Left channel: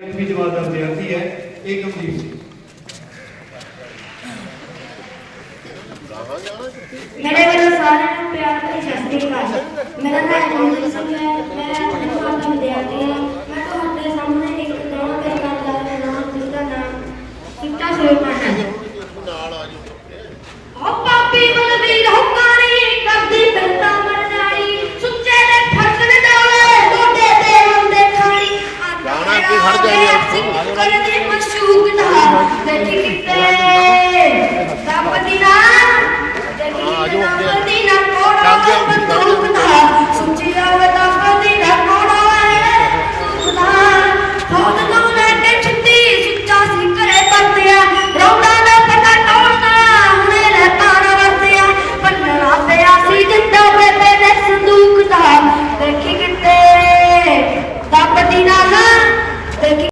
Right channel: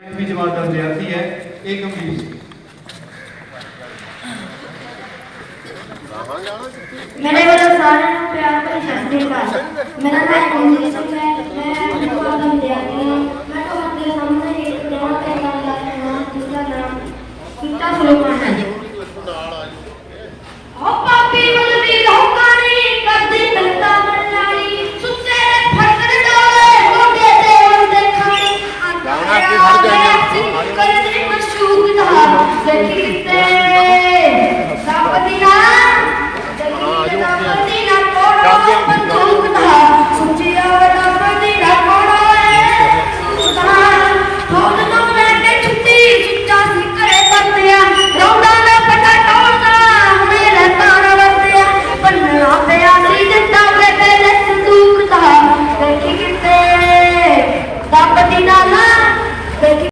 ਵੀ ਜਮਾਤ ਦਾ ਵਿਦਿਆਰਥੀ ਹੈ ਇਹ ਗੰਭੀਰ ਸੀ ਮੇਰੇ ਵੱਲੋਂ ਸਾਰਿਆਂ ਨੂੰ ਪਿਆਰ ਭਰੀ ਸਤਿ ਸ੍ਰੀ ਅਕਾਲ ਮੇਰਾ ਨਾਮ ਰਣਜੀਤ ਸਿੰਘ ਹੈ ਮੈਂ ਆਪਣੇ ਕੋਲ ਦਾ ਵਿਦਿਆਰਥੀ ਹਾਂ ਮੈਂ ਤੁਹਾਡੇ ਸਾਹਮਣੇ ਇੱਕ ਨਵਾਂ ਪ੍ਰੋਗਰਾਮ ਲਾ ਰਿਹਾ ਹਾਂ ਜਿਸਦਾ ਨਾਮ ਕਿੱਤਾ ਸੁਲੇਮਾਨ ਹੈ ਹੋ करने मशहूर है देखते संपत्तिना देखते संपत्तिना करोड़ है सुचिया वदा करने करोड़ है सुधार बहुत तो मैं के छुट्टी छुट्टा सी करे करते हैं रोना ना पता टोना मेरा तारा रखते हैं पन्ना पे आसी दिता पे पहले संदूक है देखते संपत्तिना देखते